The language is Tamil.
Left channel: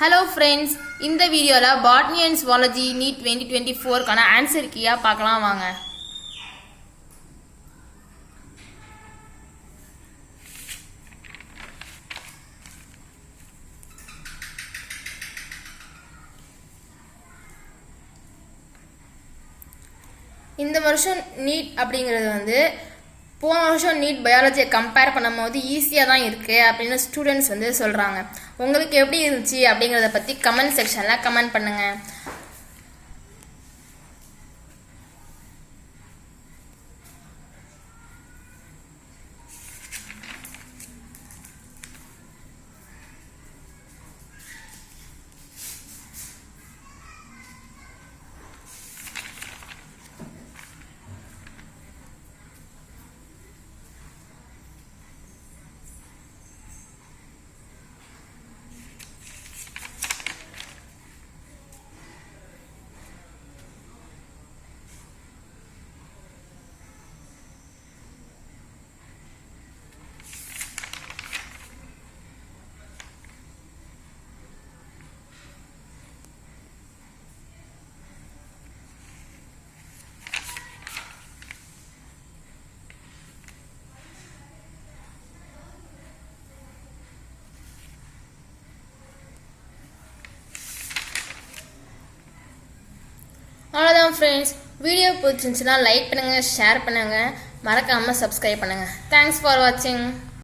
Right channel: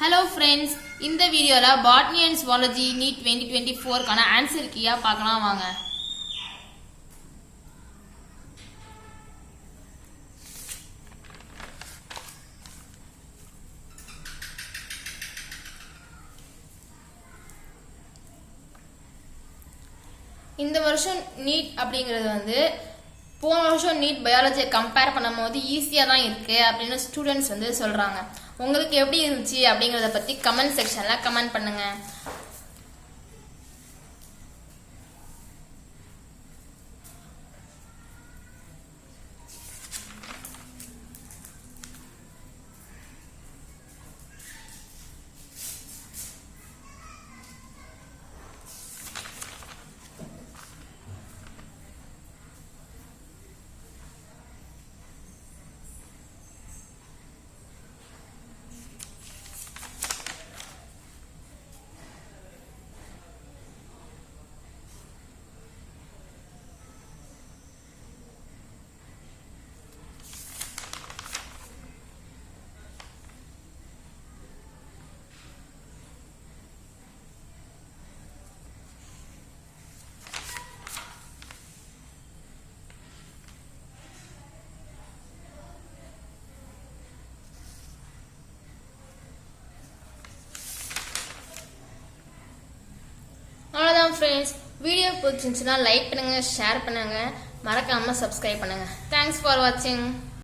Hello friends, இந்த வீடியோல Botany and Zoology NEET 2024 கான ஆன்சர் கீயா பார்க்கலாம் வாங்க. இந்த வருஷம் நீட் அப்படிங்கிறது போன வருஷம் நீட் பயாலஜியை கம்பேர் பண்ணும்போது ஈஸியாக தான் இருக்குது அப்படின்னு ஸ்டூடெண்ட்ஸ் சொல்கிறாங்க. உங்களுக்கு எப்படி இருந்துச்சு அப்படிங்கிறத பற்றி கமெண்ட் செக்ஷனில் கமெண்ட் பண்ணுங்கள். அவ்வளோதான் ஃப்ரெண்ட்ஸ், வீடியோ பிடிச்சிருந்துச்சுன்னா லைக் பண்ணுங்கள், ஷேர் பண்ணுங்கள், மறக்காமல் சப்ஸ்கிரைப் பண்ணுங்கள். தேங்க்ஸ் ஃபார் வாட்சிங்.